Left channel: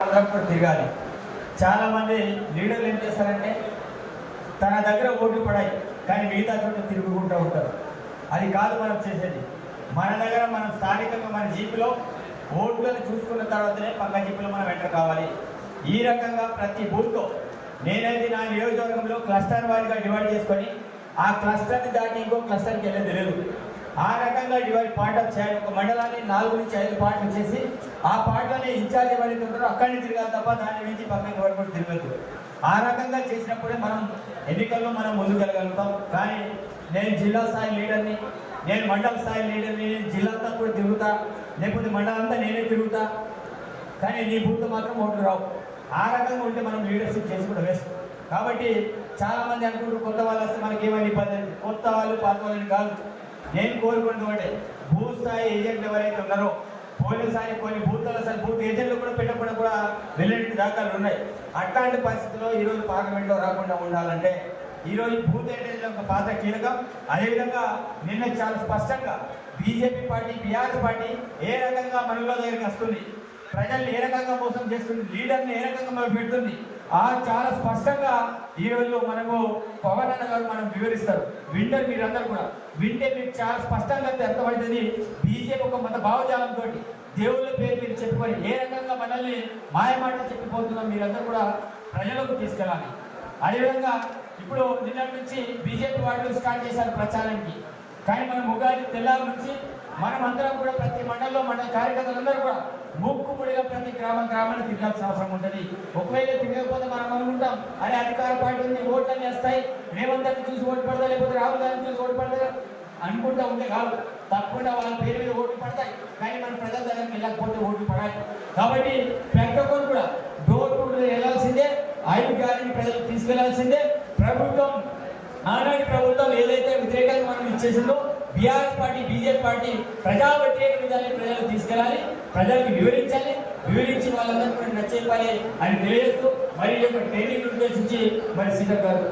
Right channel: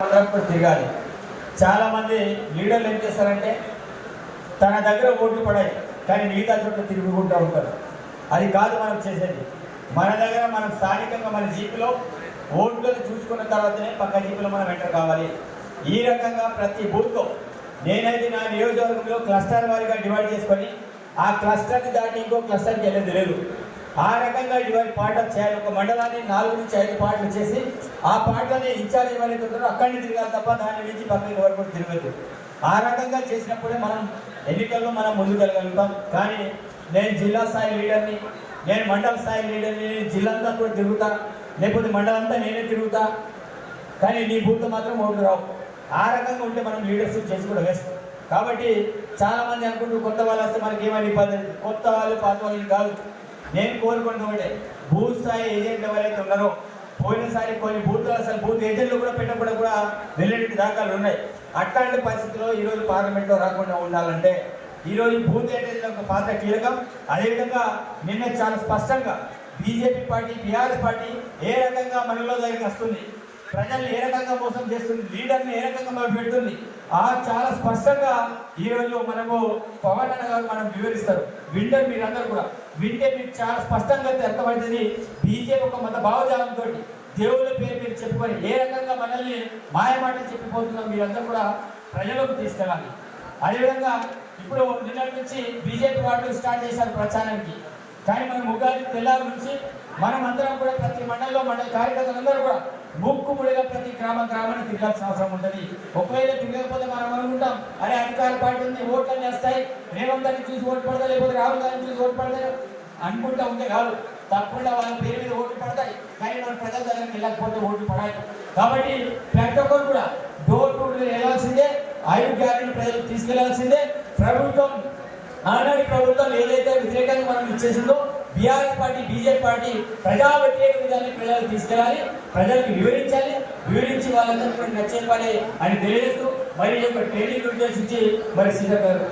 తిరగాలి. చాలా మంది లీడర్లు ఏం చేస్తారంటే తన దగ్గర ఓట్లు పడాయి కానీ మిగతా చోట్ల తిరుగుకుంటూ ఉంటారు. అది కాదు మనం చేసేది. మన దగ్గర మనం స్థానికంగా మన జీపులో ఓట్లను చూసుకున్న తర్వాతనే పక్క జీపులో మనం ఎంటర్ కావాలి. ఈ రకంగా ప్రతి బూత్లో నేనైతే నా నియోజకవర్గంలో క్లస్టర్ వారిగా డివైడ్ చేసుకొని ఆ క్లస్టర్ని దాటి ఇంకో క్లస్టర్కి వెళ్ళేది లేదు. ఆ రకంగా డివైడ్ పార్ట్ చేయాలి. ఒక మండలాన్ని 4 నుంచి 5 పార్ట్లు చేసి ఆ పార్ట్లోనే ఇన్ఛార్జ్ ఎవరైతే ఉంటారో అక్కడి నుంచి తిరగాలి తప్ప దాని నుంచి పక్కన వరకు తిరగద్దు. ఆ రకంగా చేసినప్పుడే మనం ఎన్నికల్లో మనం ముందుకెళ్ళగలుగుతాం. కానీ నేను జిల్లా స్థాయి లీడర్ని, నేను మండల స్థాయి లీడర్ని, నేను జిల్లా అంతా కూడా తిరుగుతా, లేకపోతే మండలం అంతా నేనే తిరుగుతా, కానీ నీ బూత్లో మాత్రం ఓట్లు రావు. ఆ రకంగా ఉంటే మనం లీడర్షిప్ చేసుకోవడం వేస్తాం. కాబట్టి చాలా మంది అనుకుంటూ కొత్త వాళ్ళు వస్తే మనకి ఏమని పద్ధతి, కొత్త వాళ్ళు పాత వాళ్ళని కాదు. నేను కోరుకున్నది ఒకటే, బూత్ స్థాయి ఏజెంట్ ఎవరైతే ఉన్నారో పోయినసారి కొన్ని బూత్లు అసలు బూత్ ఏజెంట్లు కూడా పెట్టకుండా కూడా వెళ్ళేటి దాఖలు ఉన్నాయి. అట్లాంటి పరిస్థితుల్లో ఈరోజు పార్లమెంట్లో రాకుండా ఉండాలంటే ఈరోజు బూత్ ఏజెంట్లకు పాత్ర కీలకం. అదేవిధంగా నిన్న చాలా స్పష్టంగా బీజేపీ పార్టీ, బీఆర్ఎస్ పార్టీ ఏ రకంగా మనలో దగ్గరికి వస్తుంది, ప్రజల్ని ఏ రకంగా మోసం చేస్తుంది, లీడర్ని ఏ రకంగా పెడుతుంది, చాలా స్పష్టంగా ఈరోజు మనము పవన్ అన్న గారు మనం వివరిస్తారు. వింటారు మీరందరూ కూడా. వింటే మీకు చాలా స్పష్టంగా అర్థమవుతుంది. బీజేపీ ఒక మత భావజాలంతో దేవుళ్ళ పేరు మీరు చెప్పుకొని ఏ రకంగా మనల్ని మాయమాట చెప్పిపోతుందో మీరందరూ కూడా ప్రజలకు తీసుకెళ్ళాలి. అదేవిధంగా ఇప్పుడు నిన్న నుంచి బీజేపీ వాళ్ళు స్టార్ట్ చేశారు ప్రచారానికి. కానీ మనం ఉగాది తెల్లారి నుంచి మనం అందరం కూడా ప్రతి మండలంలో మండల కార్యకర్తలందరూ కూడా ముక్కుముడిగా ప్రతి గ్రామాన్ని తిరగాల్సిన అవసరం ఉంటుంది. ఒకవేళ తిరగకపోతే మనం అనుకుంటాం అనే అధికార పార్టీ ఉంది, ఓట్లని వేస్తాయి, రేవంత్ని చూసి ఓటు పడతాయి, లేకపోతే రాహుల్ గాంధీ చూసి ఓటు పడతాయి అనుకుంటా ఉంటే కాదు. తప్పకుండా వాళ్ళ పేరు మీద ఓట్లు పడతాయి, కానీ మన ప్రజల దగ్గరికి వెళ్ళకపోతే ఓట్లు పడాయి. కాబట్టి ప్రతి ఒక్కరు కూడా డోర్ టు డోర్ వెళ్ళాల్సిందే, 5 గ్యారెంటీ ప్రజలకు తీసుకెళ్లాల్సిందే. ప్రభుత్వం ఆనాటి ప్రభుత్వం ఏదైతే వ్యతిరేకంగా మనం ఇచ్చేసిందో బీఆర్ఎస్ పార్టీ, బీజేపీ పార్టీ ప్రజా వ్యతిరేక విధానాన్ని ప్రజలకు తీసుకెళ్ళాలి, ప్రజలకు వివరించి వాళ్ళందరూ కూడా నచ్చేపాలి అని తెలియజేస్తూ మరి ట్రైనింగ్ ఉద్దేశించి మరి సీజర్ గారు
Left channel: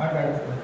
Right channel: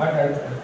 మాట్లాడుతున్నారు.